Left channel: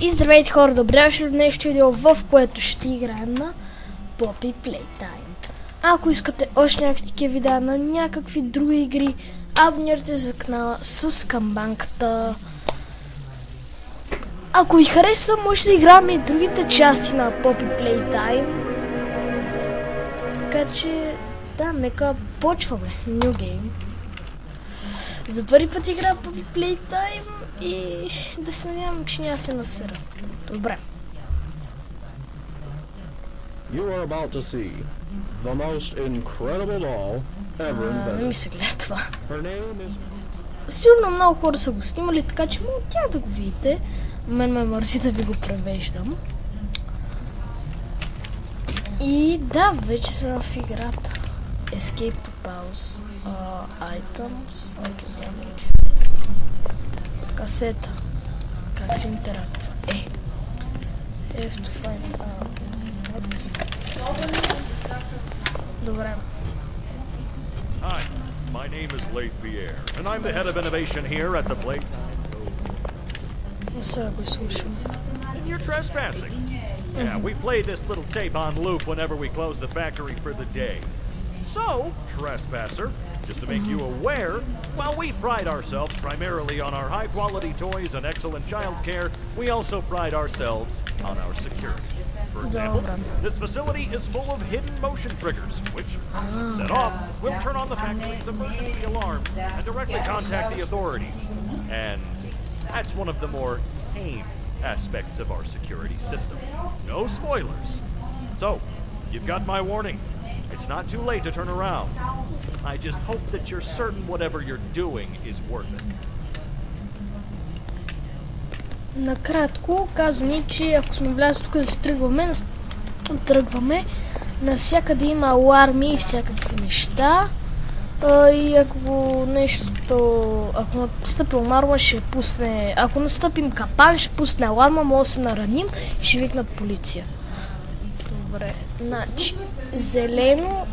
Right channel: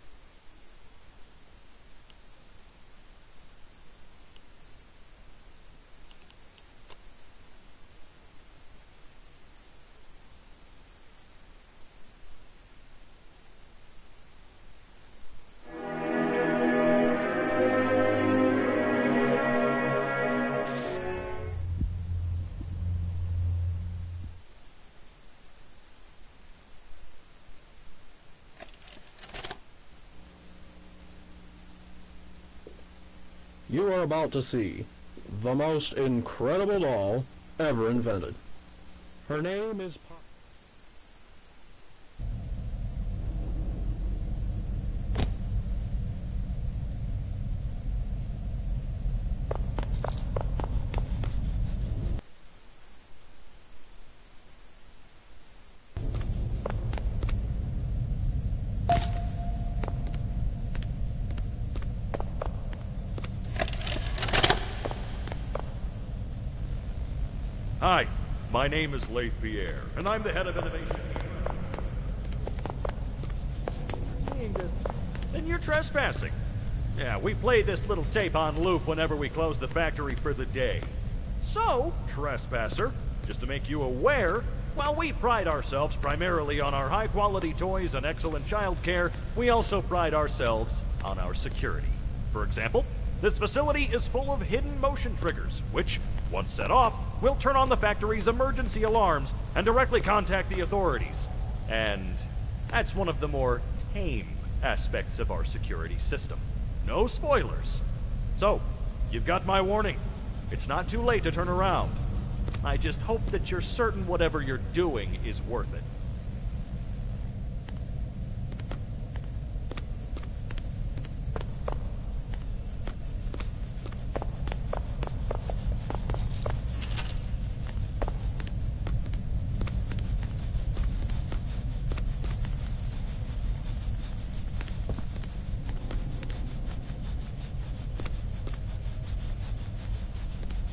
И здравейте хора, добре дошли в днешното видео, в което ще играем на Poppy Playtime. Ако искате още някакви такива видеа на някакви други игри, абонирайте за канала с камбанката. Ако ви хареса, може да играем и другите части на Poppy Playtime. Така че, да, нека почваме. New Game. За първи път игра Poppy Playtime и да се надявам, че няма се насера. Добре. You are about to see the most incredible doll ever invented. Не ми се гледа това. Her name is... Сигурно много хора са го снимали, така че мога тя да го видите. Мен ме мързи да ви го превеждам. И да, вече сме в играта. Escape to pause. Items. Окей, няма никакви. Касета. Как се интерактва? Have to find out. Добре. Hi, my name is Leif Pierre, and I'm the head of innovation here at the place. And you're trespassing. Yeah, we play this little tape on loop whenever we close the factory for the day. So, trespasser, just to make you aware, while we pride ourselves primarily on our high-quality toys and excellent child care, we also pride ourselves on our security. For example, this facility is full of hidden motion triggers, which, once set off, will turn on the factory's emergency alarms and directly contact the authorities. And that's one of the more tame aspects of our security system. No spoilers. So, you've got my warning. It's not too late to turn around. I just hope that you're certain whatever you're doing is worth it. Накратко казани, че ако сме влязли тук да се тръгваме, навсякъде има аларми и всякакви неща. И ако ако настъпи аларма, ще пусне, ако настъпим капан, ще пусне аларма, може да се нараним и ще викнат полиция. Добре, значи, зелено,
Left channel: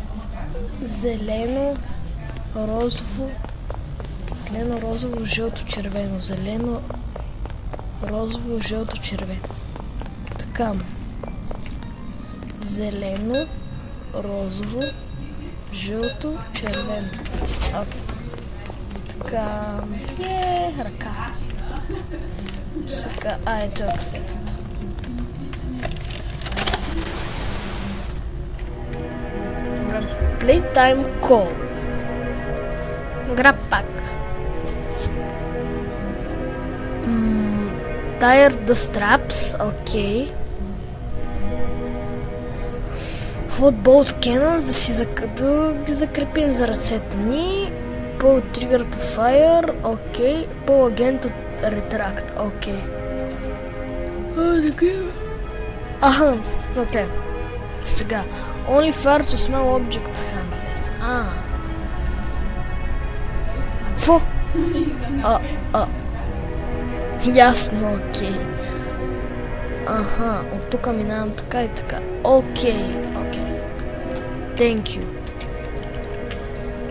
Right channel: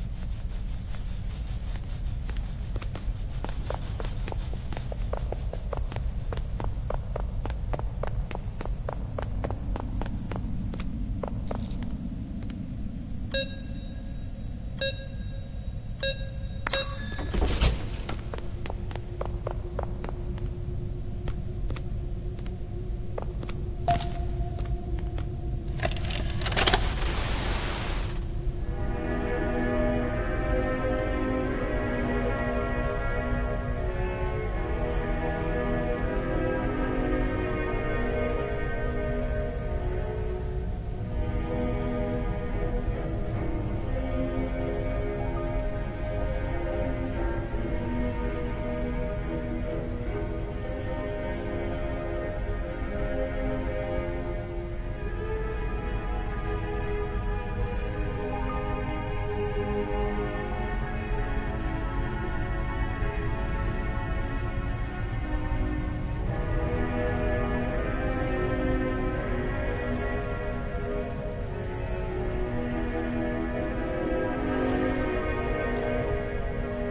розово, жълто, червено, зелено, розово, жълто, червено. Така. Зелено, розово, жълто, червено. Окей. Така. Ръка. Сега. Ето е касетата. Playtime Call. Grab pack. Tire the straps, окей. Hot bolt cannons, да ги закрепим за ръцете ни. Pull trigger to fire, окей. Pull again to retract, окей. Аха, окей. Сега. Only fire to small objects handless. Фу! Ясно, окей. Аха, от тук минавам така и така. Окей. Thank you.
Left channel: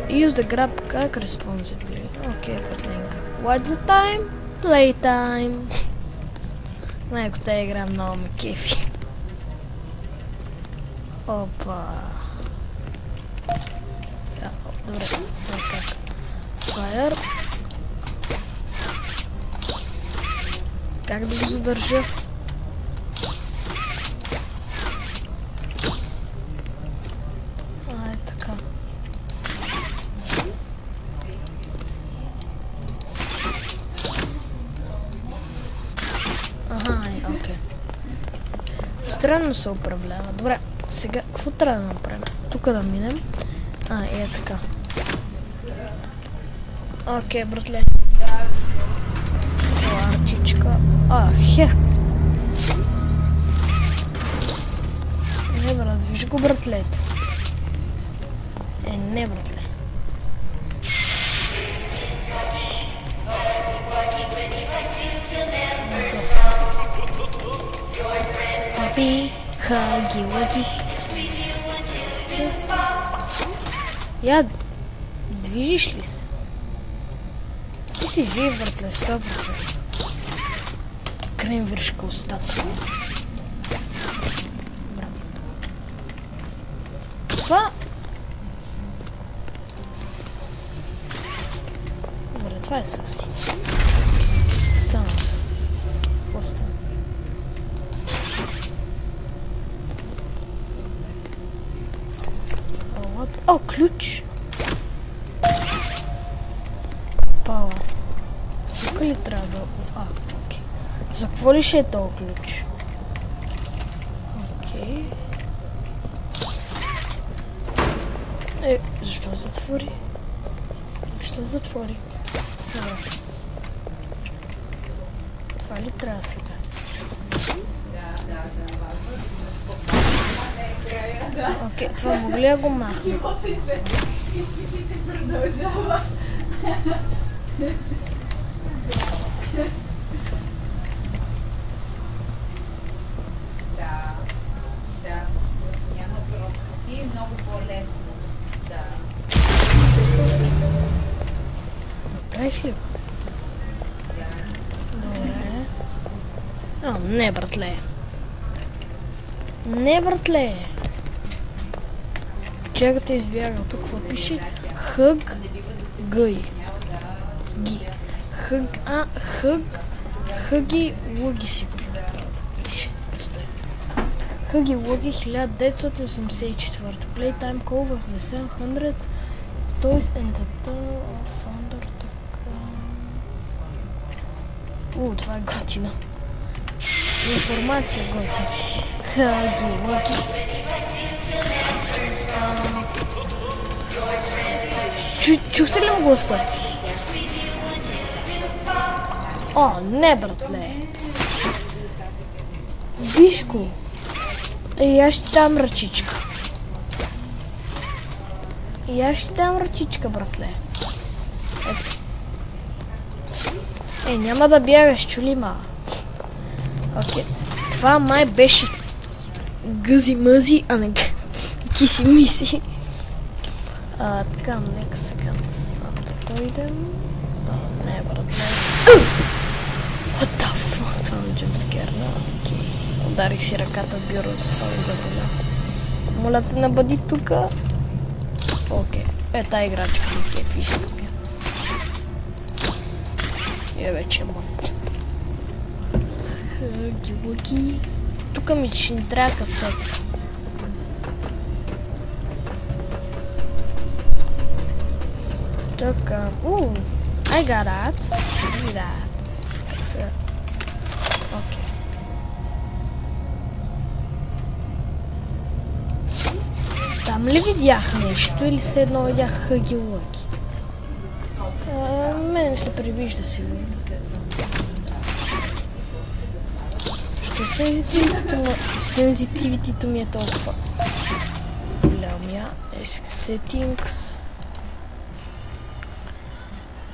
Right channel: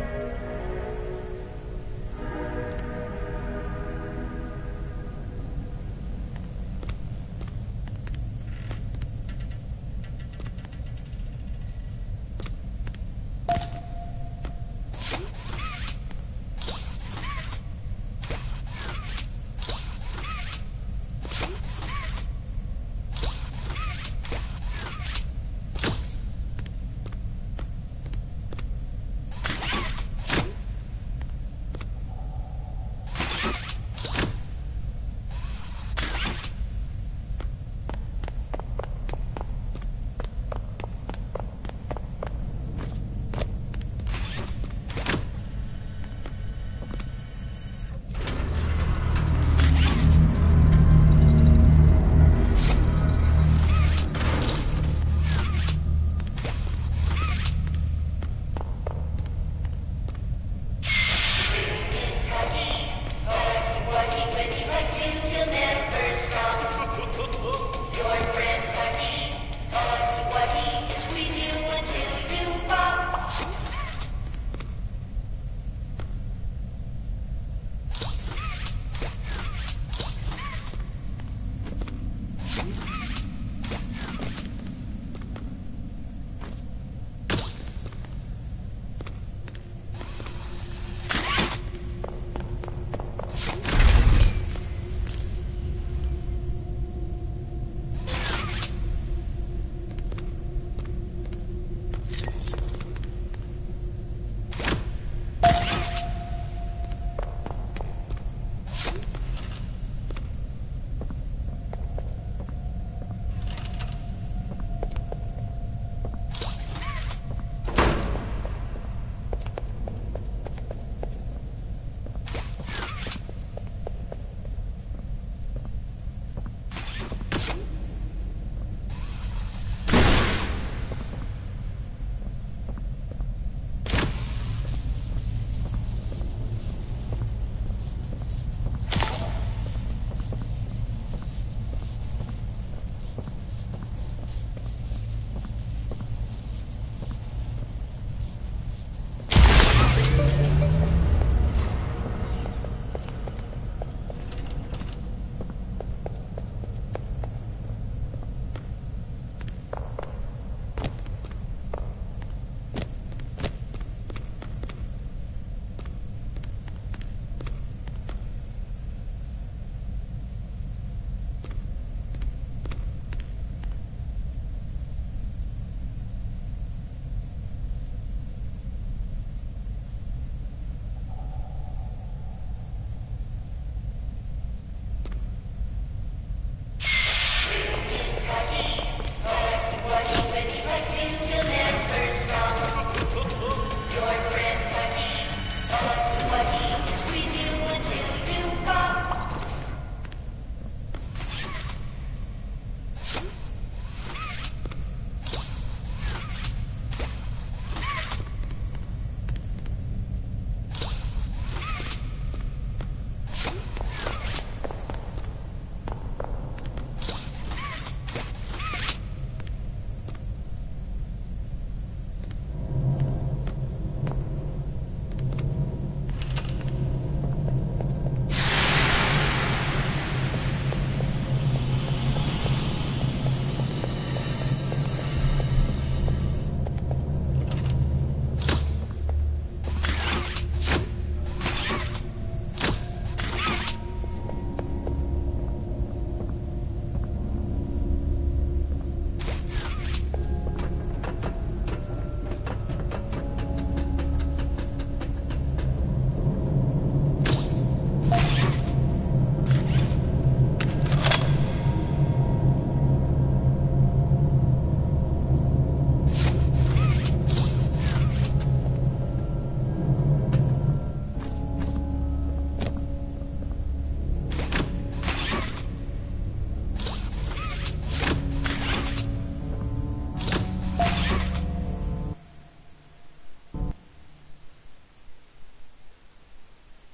Use the grab как responsibly. Окей, пътлинка. What's the time? Playtime. Майко, тази игра много ме кефи. Опа. Добре, сега как. Fire. Как да го задържа? Е така. Окей. Странно се управлява. Добре, сега какво трябва да направим? Тук да минем. Е така. Окей, братле. Хех. Добре, движи го, братлето. Не, братле. Папи, хаги, лаки. Я, движиш ли се? Ти си жив, братле, 100%. махнем вършкостта. Това... Добре, това е съси. Стана. Какво стана? О, ключ! Пауър. Тук ли трябва да... окей. За какво ли ще е този ключ? Окей. Защо затвори? Защо затвори? Добре. Това ли трябва сега? Окей, това мога ли да го махна? Правих ли? Добре. Не, братле. Не, братле. Чакайте, избяга. Тук какво пише? Хъг гъй. Ги. Хъг. Хъги лъги сигурно. Хъги лъги 1984. Playtime call was the 700 Toys and the Founder. Това е готино. Информация готино. Хъги лъги. Чухте ли му гласа? О, не, братле. Виж го. И аз ще дам ръчичка. И аз ще дам ръчичка, братле. Няма да бягаш, чули ма. Окей. Това май беше гъзи-мъзи, а не киси-миси. Така, нека сега насам да дойдем. Не, братле. What the fuck? Това не джамскер. Ударих си ръката в бюро с това и забавя. Моля те, набъди тука. Окей. Тая играчка е фишка. Вече е мънче. Хъги-лъги. Тука ми ще ни трябва касета. Така. I got that. Окей. Там ли видях нещо или все едно видях хъги-лъги? Мене се привижда сигурно. Сензитивитито ми е толкова голямия. Settings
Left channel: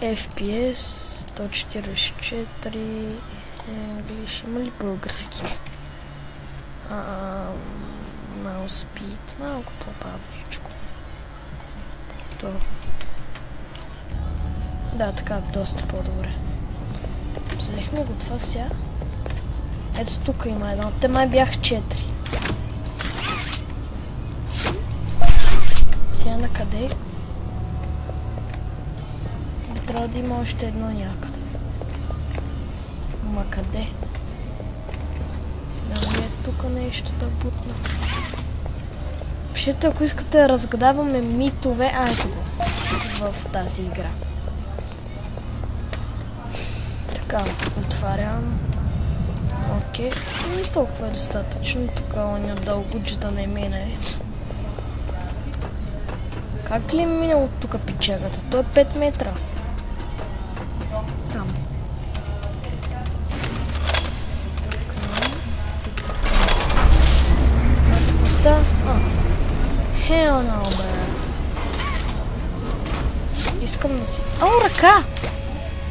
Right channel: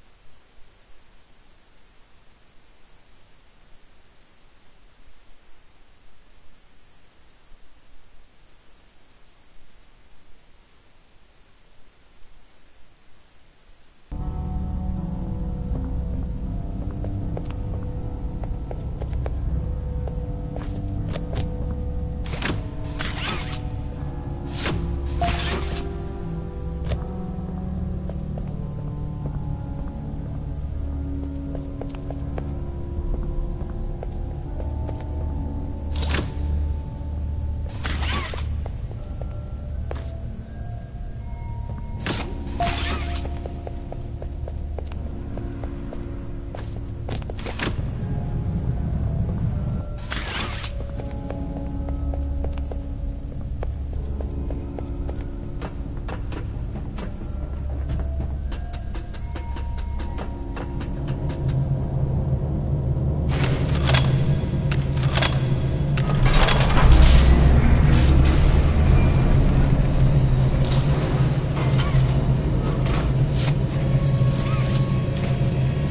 FPS 144 English. Има ли български? Mouse speed. Малко по-бавничко. Да, така доста по-добре. Взехме го това сега. Ето тук има едно. Те май бях 4. Сега на къде? Трябва да има още едно някъде. Ма къде? Нали е тук нещо да бутна. Пишете, ако искате да разгадаваме митове в тази игра. Така, отварям. Окей, не толкова е достатъчно. Тук оня дългуджата не мине. Как ли е минало тук печагата? То е 5 метра. Там. Оста? Hell no. Искам да си... О, ръка!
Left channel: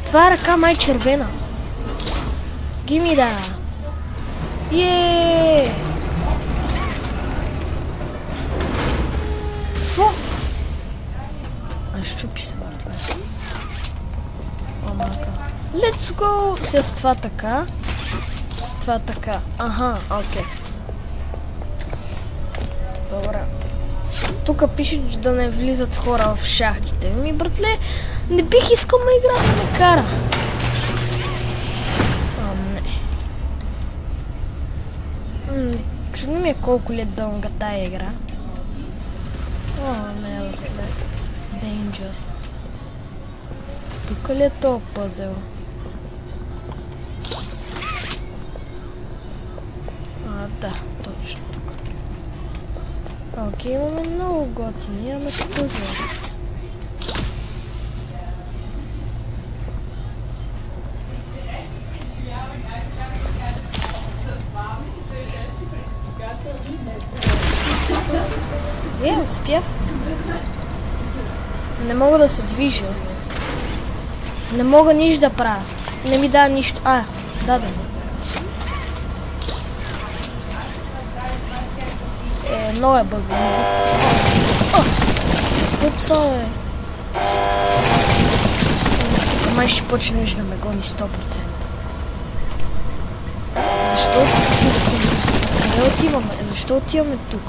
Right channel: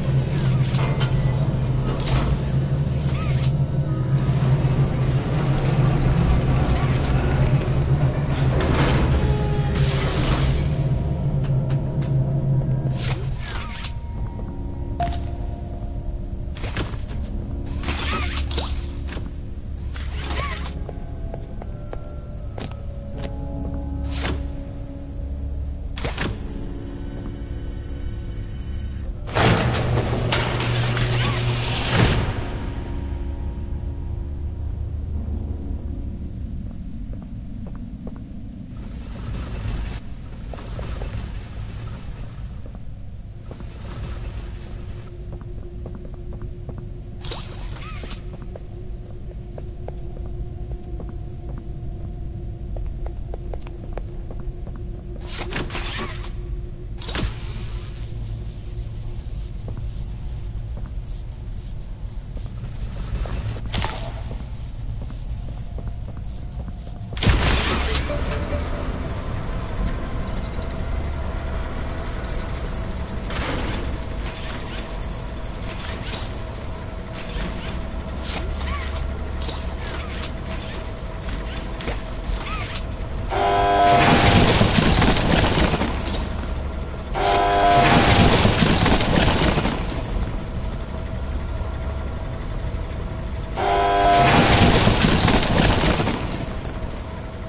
Това е ръка май червена. Gimme that. Yeee! Щупи се. Let's go! С това така. това така. Аха, окей. Добре. Тук пише, да не влизат хора в шахтите. Ми, братле, не бих искал да игра да ме кара. Не. Чудно ми е колко ли е дълга тая игра. О, не, Danger. Тук ли е този пъзел? Да, точно тук. Окей, имаме много готини, ама се пъзел. Успях. Не мога да се движа. Не мога нищо да правя. Не ми дава нищо. Да. Много е бъгно. Това е. Май ще почнеш да ме гони 100%. Защо отиваме тук?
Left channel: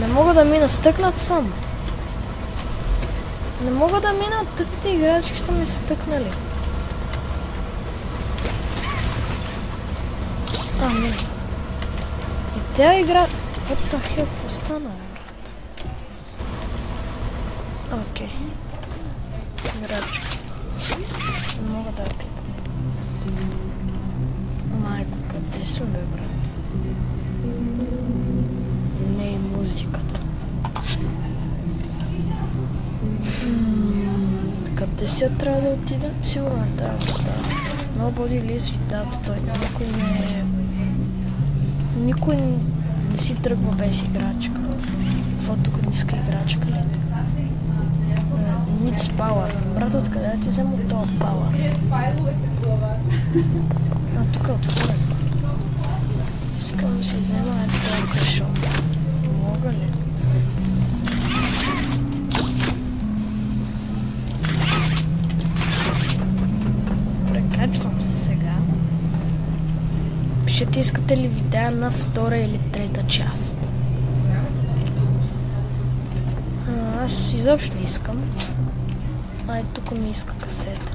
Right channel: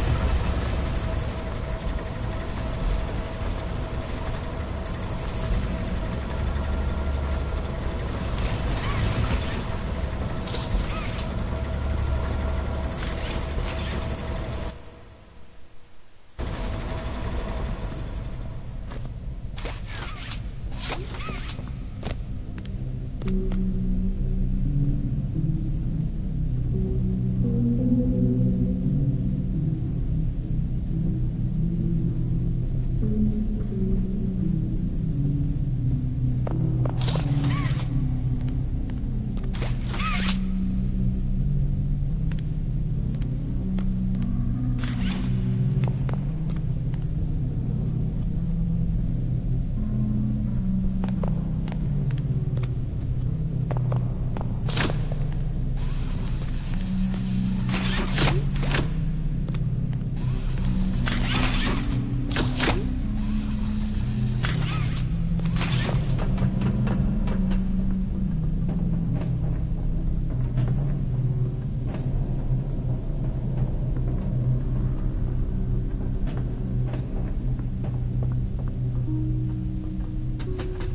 Не мога да мина, стъкнат съм. Не мога да мина, тъпите играчки са ми стъкнали. Не. И тя игра... What the hell, какво стана, брат? Окей. Играчки. Не мога да... Майко, къде сме, бе, брат? Не е музиката. Къде сега трябва да отидем? Сигурно трябва да стане. Nobody lives without той. Никой не си тръгва без играчка. Какво тук не иска играчка ли? Needs power. Брат, откъде да ти взема този power? Тук е отворен. Искам да се взема една кашон. Мога ли? Прекачвам се сега. Пишете, искате ли видеа на втора или трета част. Аз изобщо не искам. Тук ми иска касета.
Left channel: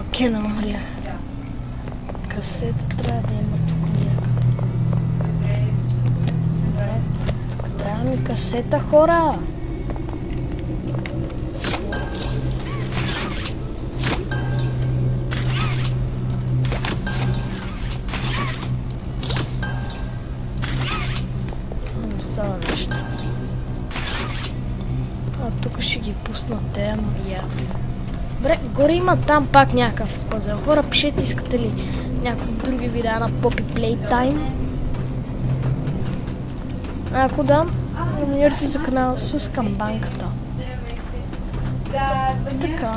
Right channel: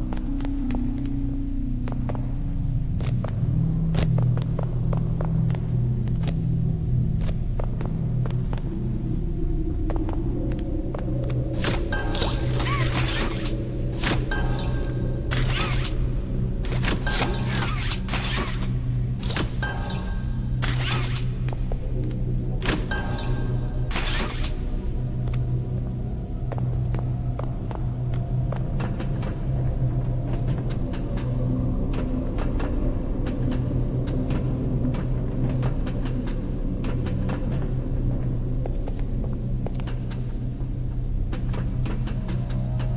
Окей, намрях. Касета трябва да има тук някъде. Трябва ми касета, хора! Не става нещо. Тук ще ги пусна тема явно. Добре, горе има там пак някакъв пъзел. Хора, пишете, искате ли някакви други видеа на Poppy Playtime. Ако да, номинирайте за канал с камбанката. Така.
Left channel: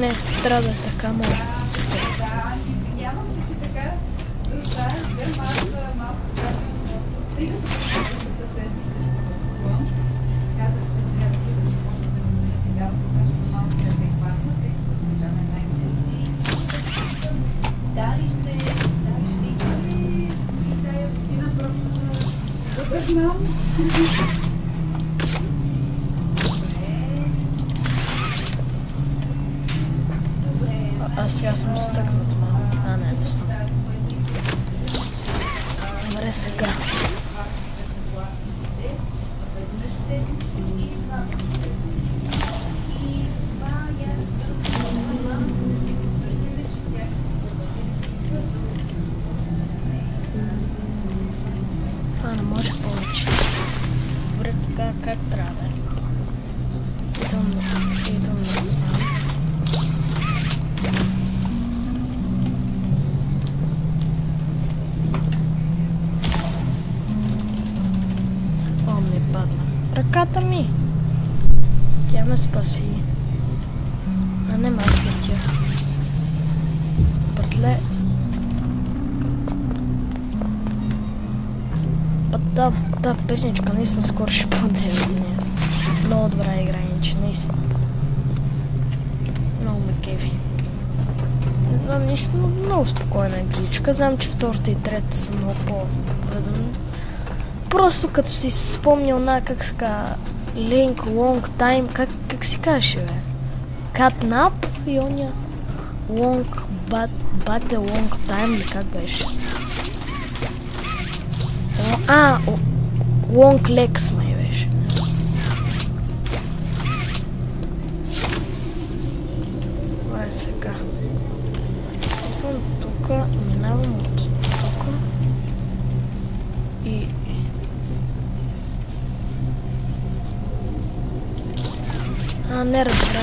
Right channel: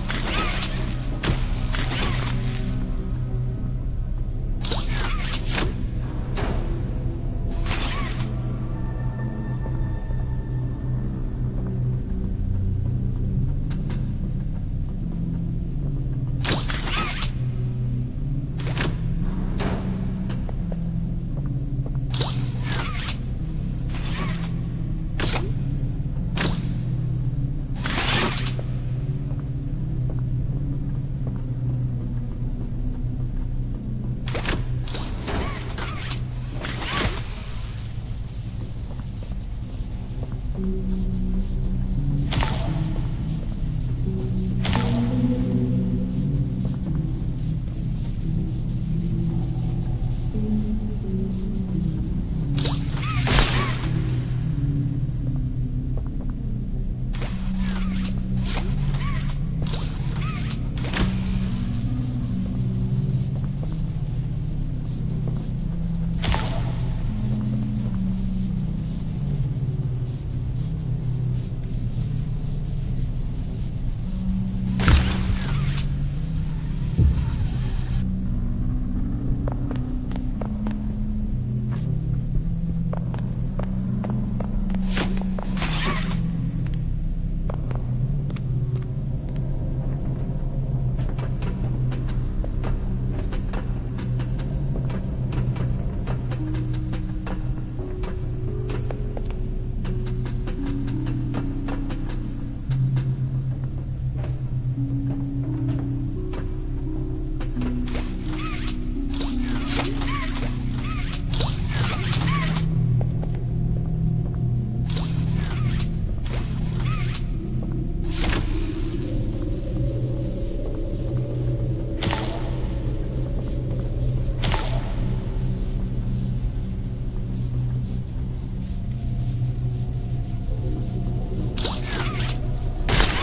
Не, трябва да е така, но... Аз сега съм стъкнат малко. Не съм. Добре, сега. Не може повече. Добре, как трябва да е? Идвам аз. Ръката ми. Тя ме спаси. Не ме спаси. Братле. та песничка наистина скоро ще бъде. Много добра игра, иначе наистина. Много ме кефи. Наистина много спокойна игричка. Знам, че втората и трета са много по-предани. Просто като си спомнял на как се казва Link Long Time, как си каже, бе? Catnap и оня Long But the Long Time, ли как беше? Long Legs май беше. Това е сега. Тук минавам от тук. И... не разбирам.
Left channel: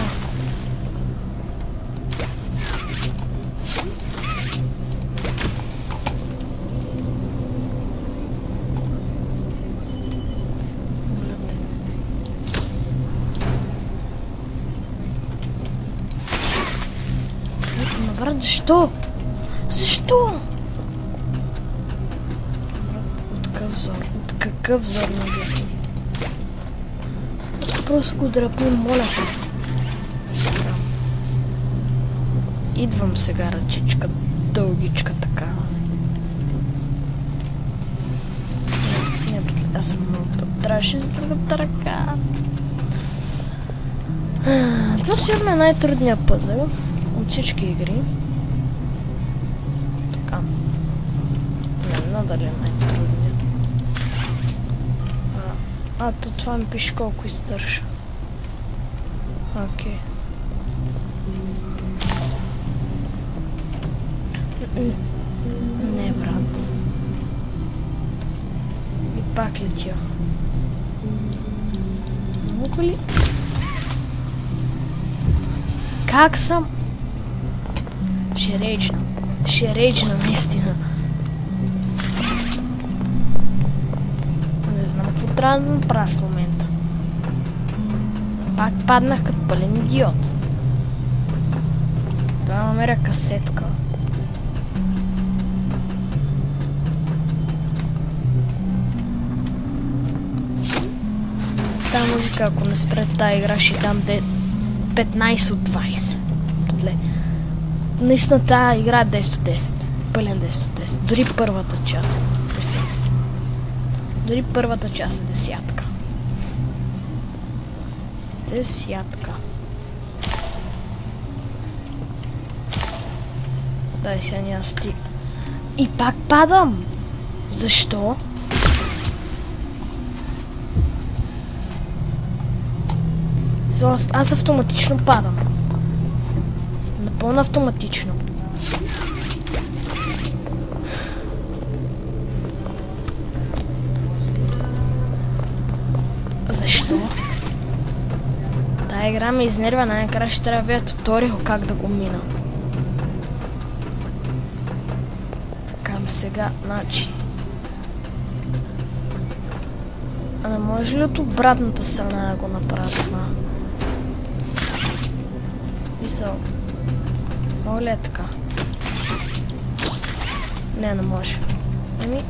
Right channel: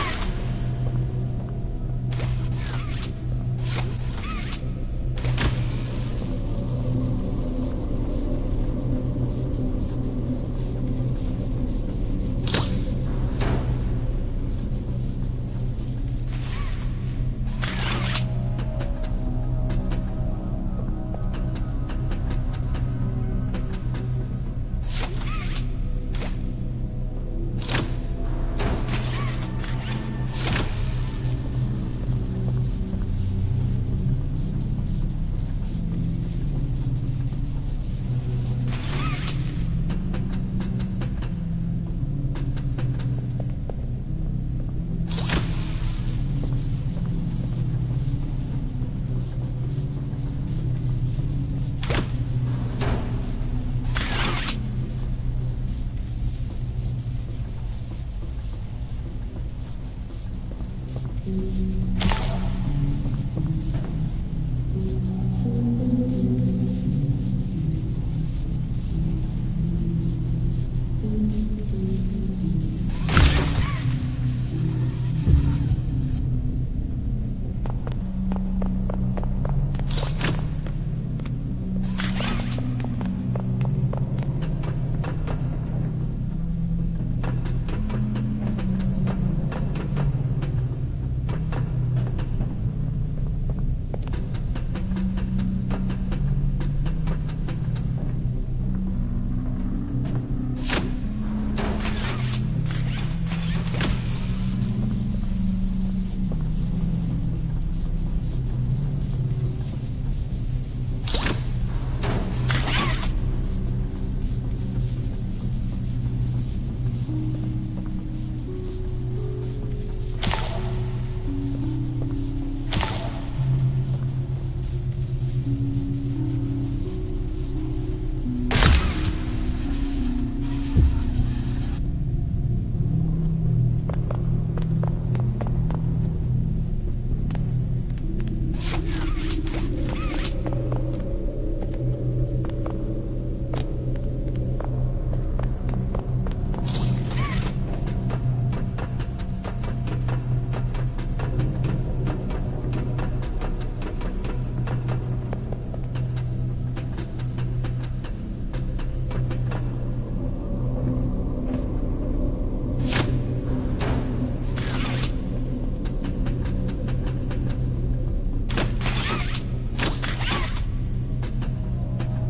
Защо? Защо? Такъв взор. Какъв взор на гъсни. Просто го дръпна, моля. Идвам сега, ръчичка. Дългичка така. Не, аз съм много трябваше с другата ръка. Това сигурно е най-трудният пъзъл от всички игри. Така. Надали е най-трудният. То това ми пише колко издържа. Окей. Не, брат. И пак летя. Мога ли? Как съм? Ще рейджна наистина. Не знам какво трябва да направя в момента. Пак паднах като пълен идиот. Да намеря касетка. Та музика, ако не спре тази игра, ще дам 15 от 20. Наистина тази игра 10 от 10. Пълен 10 от 10. Дори първата част. Дори първата част е десятка. Десятка. Дай сега няма стиг. И пак падам. Защо? Аз автоматично падам. Напълно автоматично. Защо? Тая игра ме изнервя, най-накрая ще трябва да видя туториал как да го мина. Така, сега, значи. А не може ли от обратната страна да го направя това? Мисъл. Мога ли е така? Не може. Ами...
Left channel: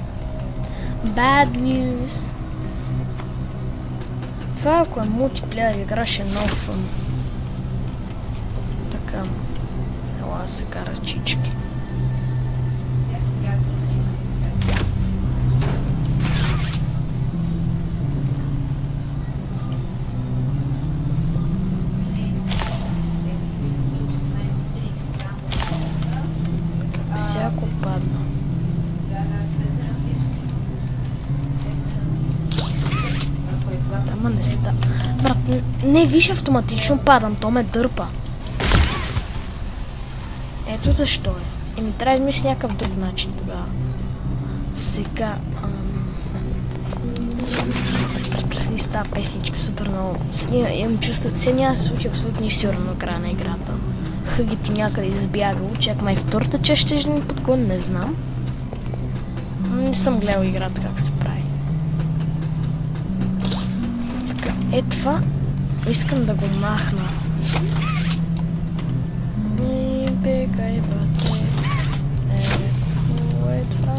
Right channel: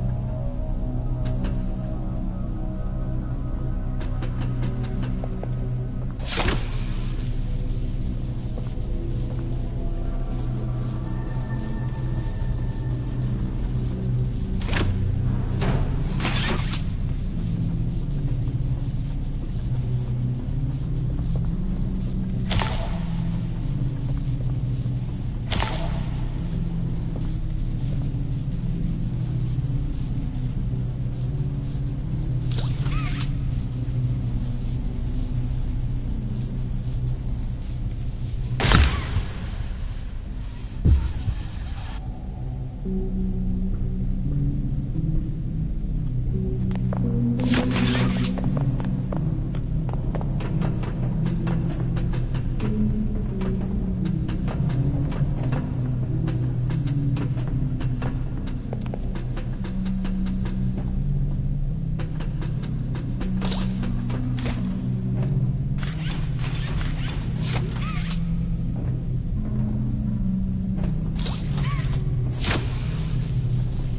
Bad news. Това ако е мултиплеер игра ще е много фън. Така. Ела сега ръчички. Всяко падна. Ама не ста. Брат, не виж, автоматично падам, то ме дърпа. Ето защо е. И ми трябва да мисля някакъв друг начин тогава. Сега... Спресни с тази песничка супер много. Имам чувство, че няма се случи абсолютно нищо на края на играта. Хъгито някъде избягал. Чак май втората част ще ни подгон, не знам. Не съм гледал играта как се прави. Е това, искам да го махна. Бегай, бате. Е това.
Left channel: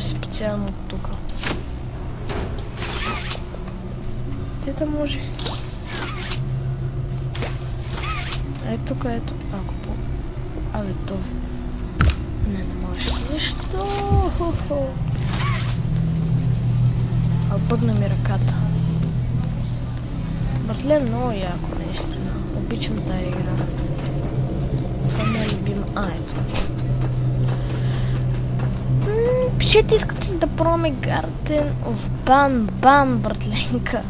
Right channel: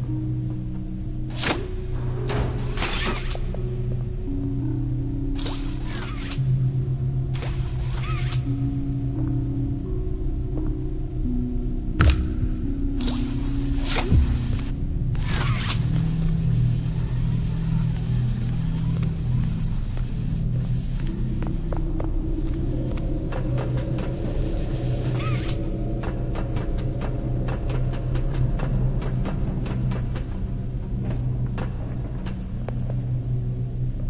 си специално от тук. Те да може. Ето тук, ето. Ако по... Абе, то... Не може. Защо? Бъгна ми ръката. Братле, много яко, наистина. Обичам тая игра. Това ми е любима. Ето. Пишете, искате ли да пробваме Garden of Banban, братленка?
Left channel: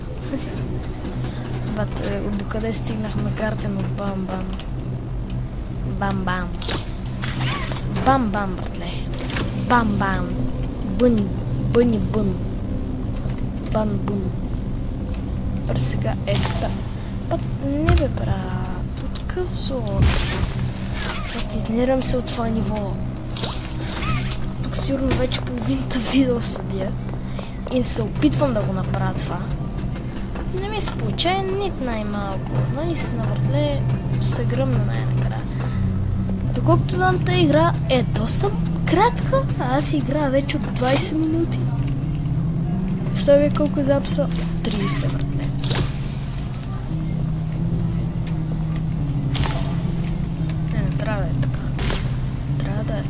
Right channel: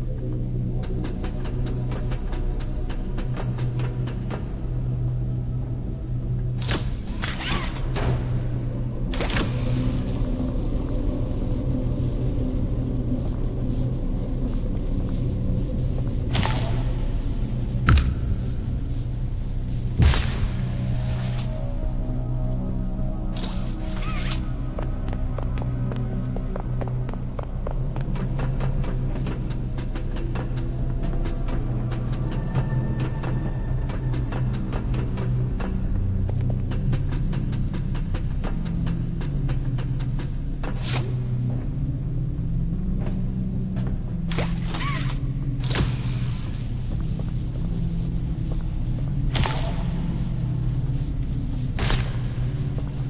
Докъде стигнахме Garden of Banban? Бам-бам. Бам-бам, братле. Бам-бам. Бъни, бъни, бън. Бан-бун. През сега ета. Не бе, брат. Какъв зор? Фастинирам се от това ниво. Тук сигурно вече половината видео седя. И се опитвам да го направя това. Не ми се получава нито най-малко. Наистина, братле, се гръмна най-накрая. Доколкото знам, тази игра е доста кратка, а аз играя вече от 20 минути. Представя колко записа? 30, братле. Не трябва да е така. Трябва да е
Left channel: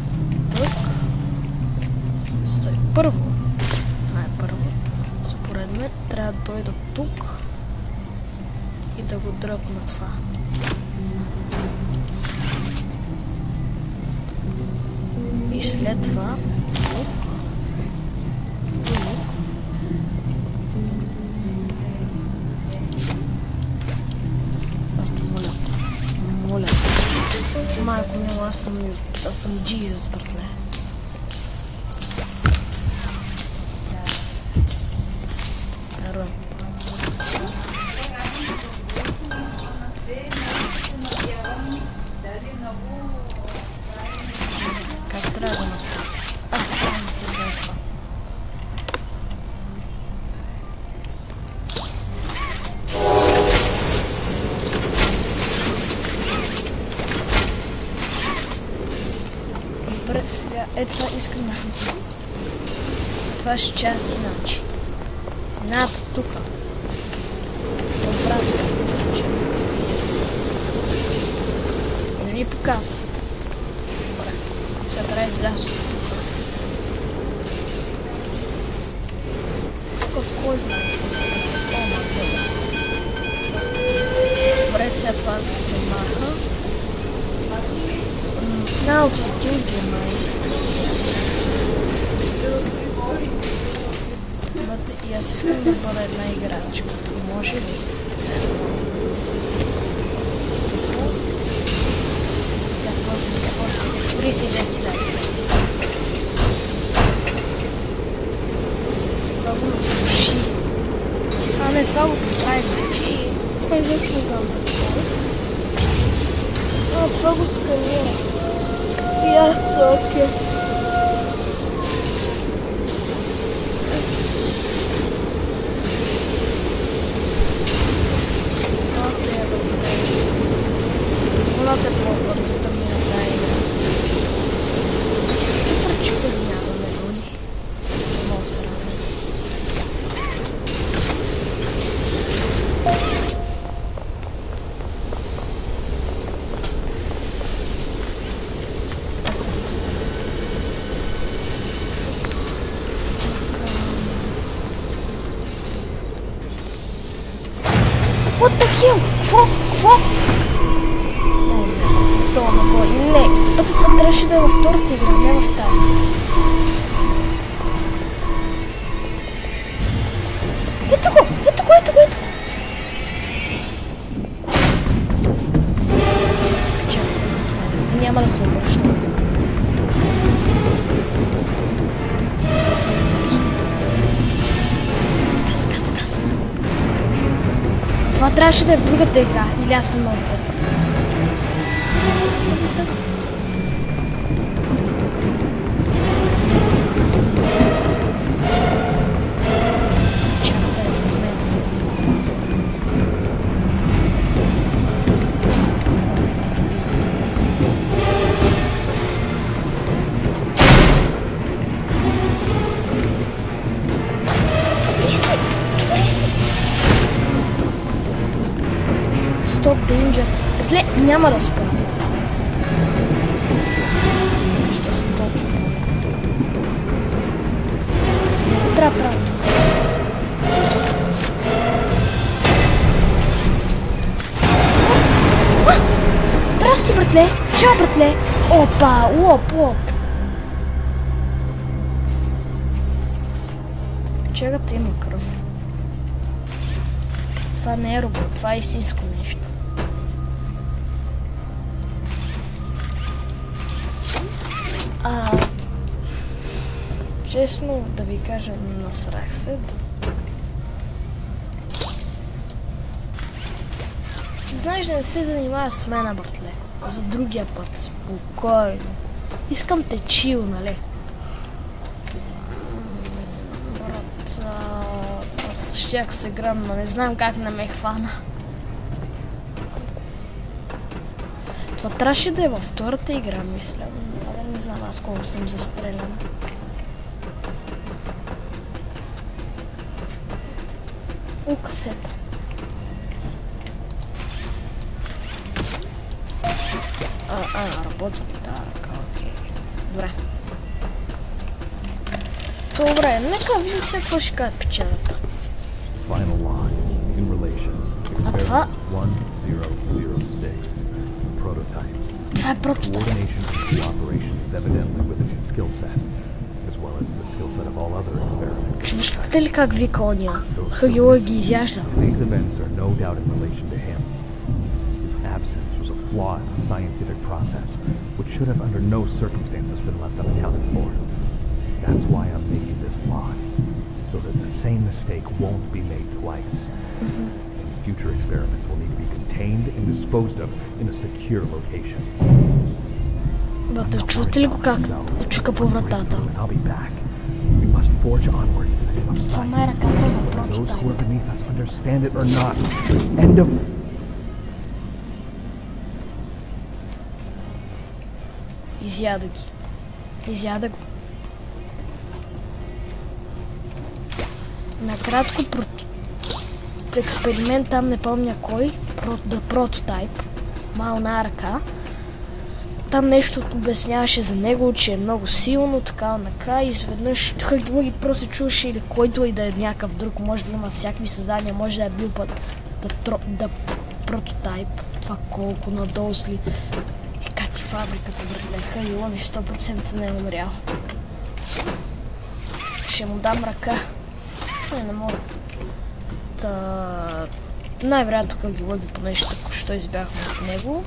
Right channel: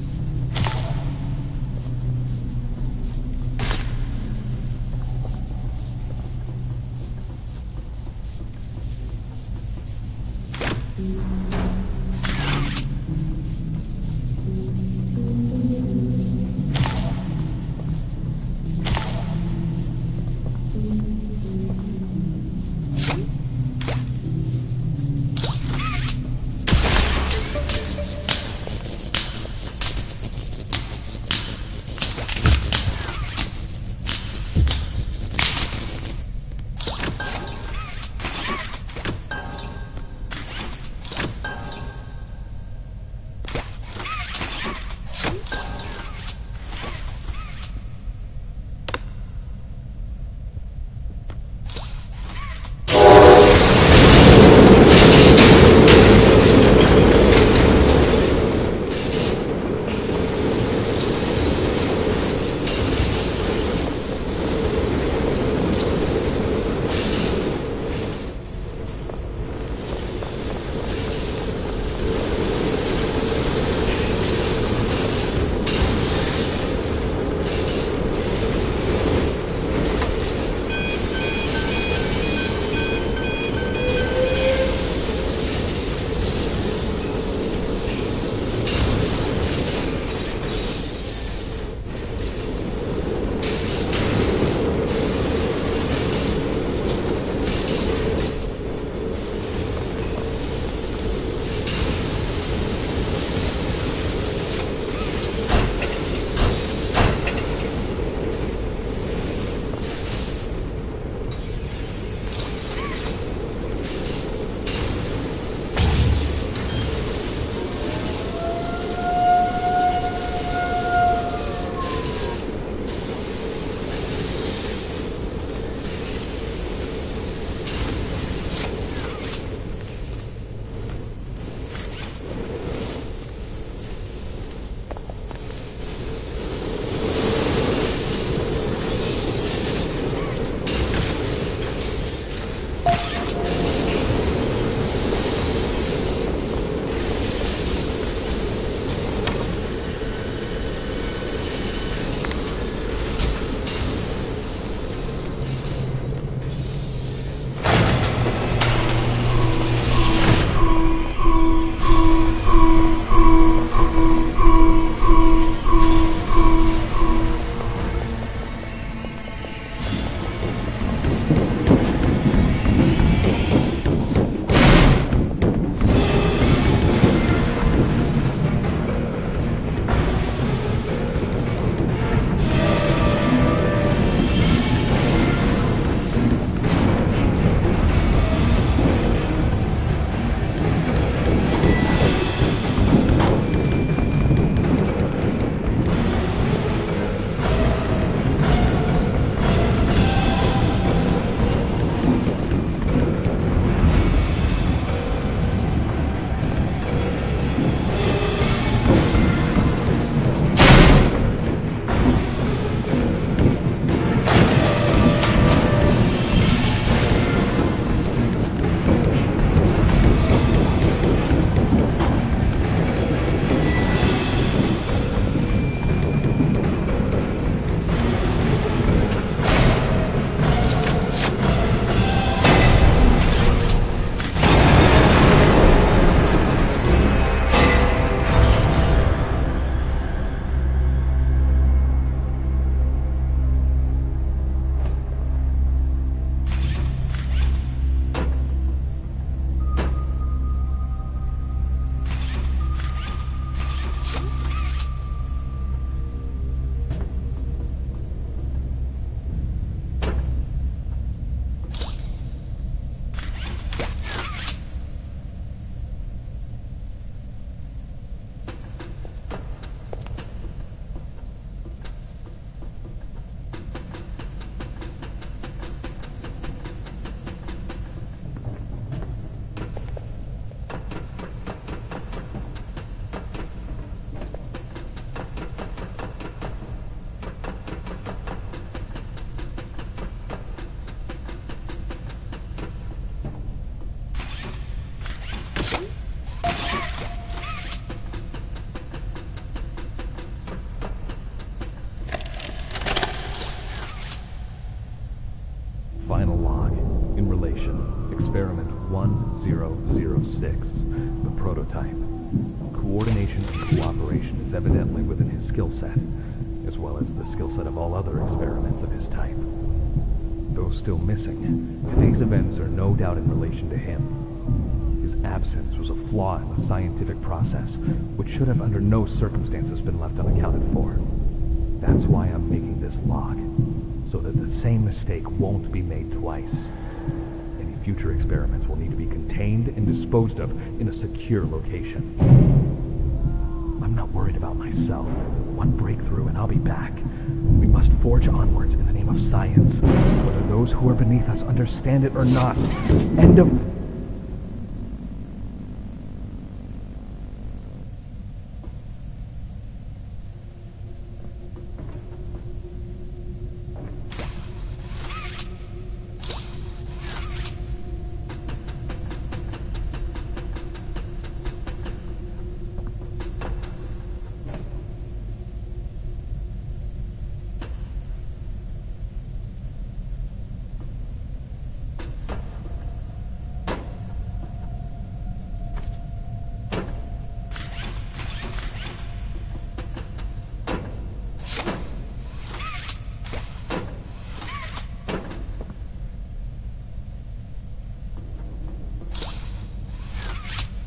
тук. Стой, първо. Най-първо. Според мен трябва да дойда тук и да го дръпна това. И след това моля, майко не, аз съм джинец, братле. What the hell? Какво? Не, това трябваше да е във втората игра, не в тази. Ето го! Няма да се обръщам. Газ. Това трябваше да е в другата игра, или аз съм много добър. няма да спра. Що се толкова? Трябва правото. Здрасти, братле! Чао, братле! Опа! Лоп! Чегата има кръв. Това не е робот, това е истинско нещо. Честно да ви кажа, насрах се. Знаеш, да не се занимаваш с мен, братле. За другия път. Спокойно. Искам те чил, нали? Брат, аз щях се гръмна. Не знам как не ме хвана. Това трябваше да е във втората игра, мисля. Не знам аз колко съм застрелян. Касета. Работи така. Добре. Добре, нека видим се какво ще кажа печелята. Final line in relation. Experiment 1006. The prototype. Това е прототип. Coordination and cooperation is evidently within his skill set, as well as the skill set of all other experiments. Чувствате ли как вика ония? Хагила ги изяжда. Today's events are no doubt in relation to him. His absence was a flaw in the scientific process, which should have under no circumstances been left unaccounted for. That's why I'm making this log, so that the same mistake won't be made twice. Any future experiments will need to be contained and disposed of in a secure location. Бате, чувате ли го как чука по вратата? I'll be back. We must forge onwards in the name of science, whether those who are beneath us understand it or not. End of... Изяда ги. Изяда го. Накратко, експеримент там не помня кой, The Prototype, мална ръка. Там нещо обясняваше за него, че е много силно, така, и изведнъж Хагилуги просто чуваше или който и да е някакъв друг, може да има всякакви създания, може да е бил път The Prototype, това колко надолу сли. И как ти фабриката, братле, Хагилуги 100% не е умрял. Ще му дам ръка. Не мога. Най-вероятно Хагилуги по нещо, що избяхме от него.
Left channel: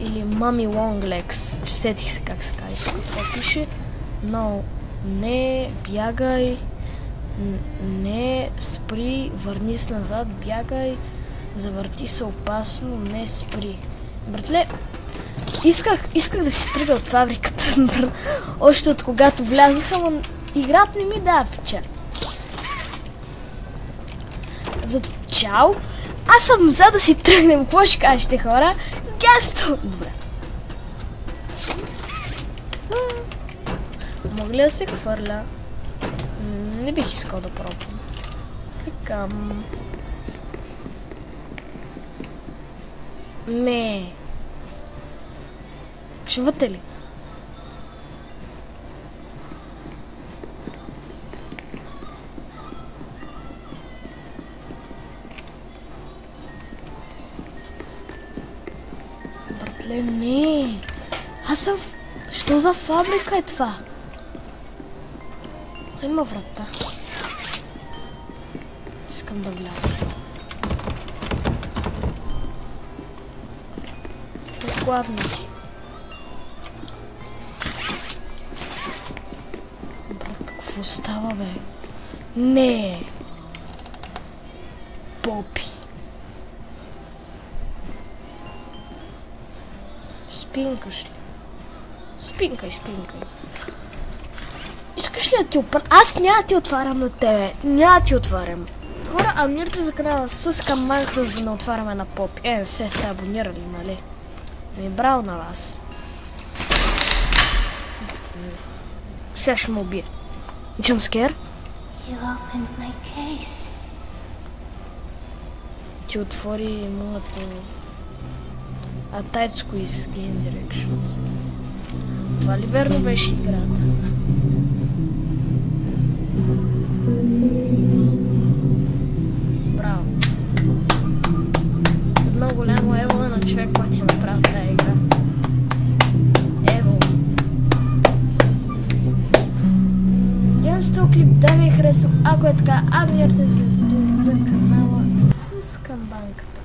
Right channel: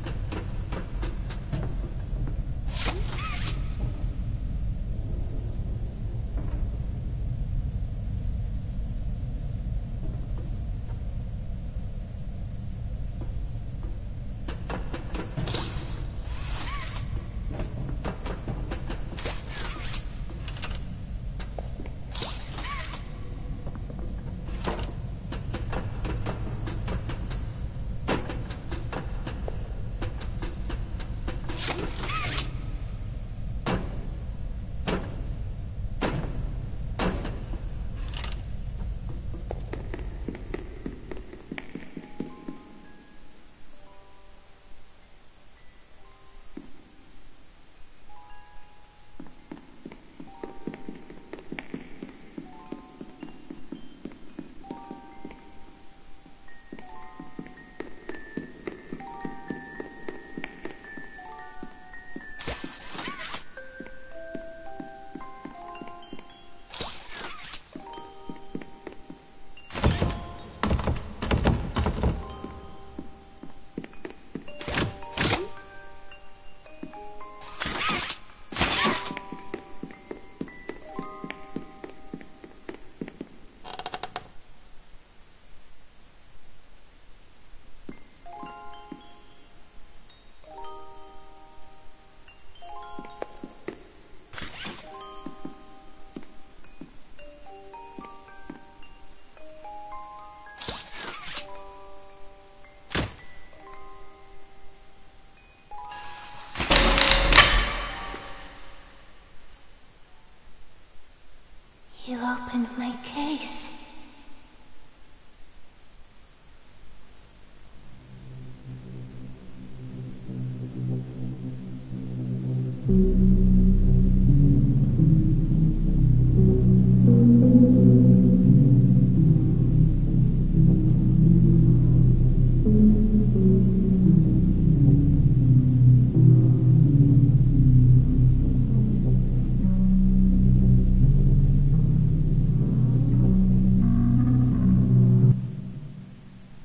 Или Мами Лонглекс, сетих се как се казва. Това пише, но не бягай, не спри, върни се назад, бягай, завърти се опасно, не спри. Братле, исках да си тръгна от фабриката, още от когато влязаха, но играта не ми дава печали. Зато чао, аз съм за да си тръгнем, какво ще кажете, хора? Гясто! Добре. Мога ли да се хвърля? Не бих искал да пробвам. Така. Не. Чувате ли? Не. Аз съм... Що за фабрика е това? Има врата. Искам да вляза. Главни си. Брат, какво става, бе? Не. Попи. Спинкаш ли? Спинкай. Искаш ли да ти опра... Аз няма ти отварям на тебе. Няма ти отварям. Хора, абонирайте за канала с камбанката, за да не отваряме на Попи. Не се абонирали, нали? Ми браво на вас. Сега ще му убия. Jumpscare? Ти отвори моето... Tight Squeeze Game Directions. Това ли верно беше играта? Браво. Много голямо ево на човек, който я направи тази игра. Ево. Гледам с този клип, да ви е харесал. Ако е така, абонирайте се за канала с камбанката.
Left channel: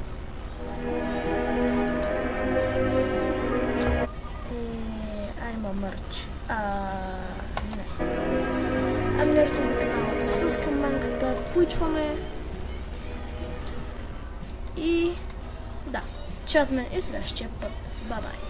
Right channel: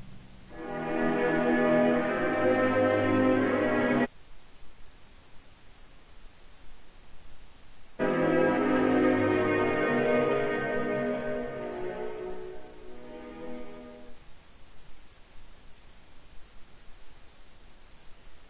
Има мърч. Не. Абонирайте се за канала с камбанката. Включваме. И да, чатме и следващия път. Бай-бай.